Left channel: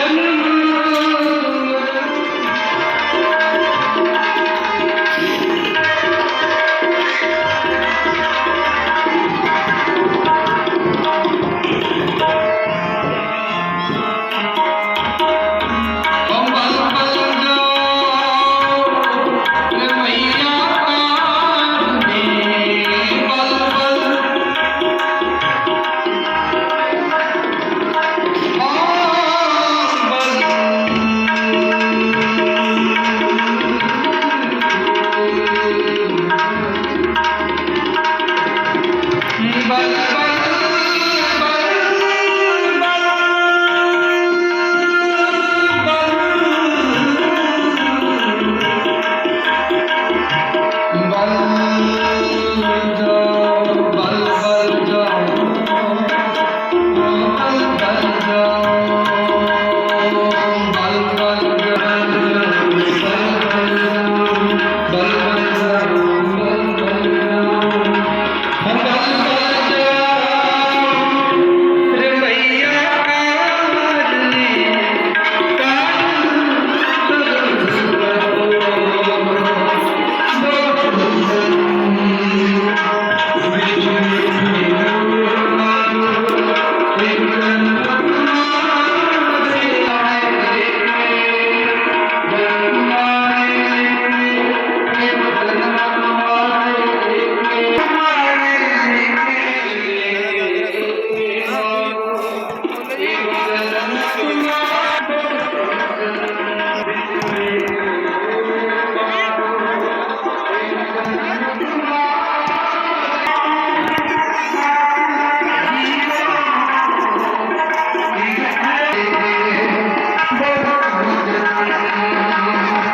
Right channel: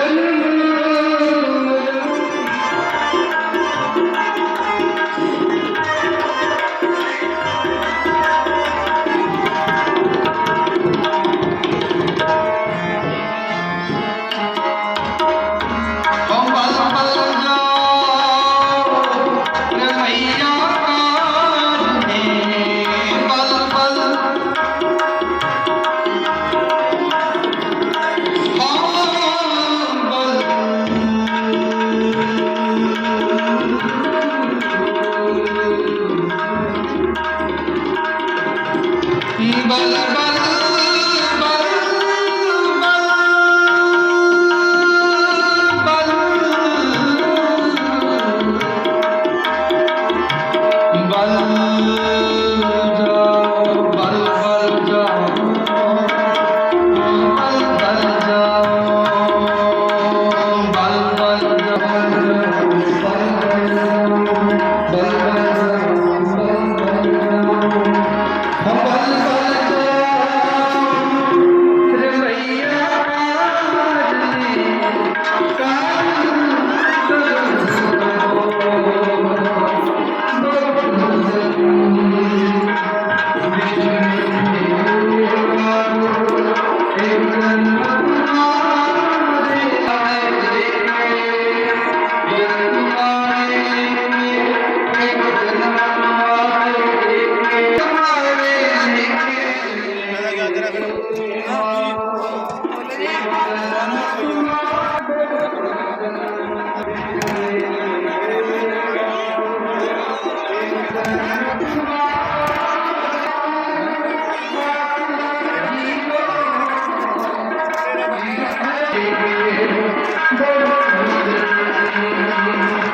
Amém. Gracias.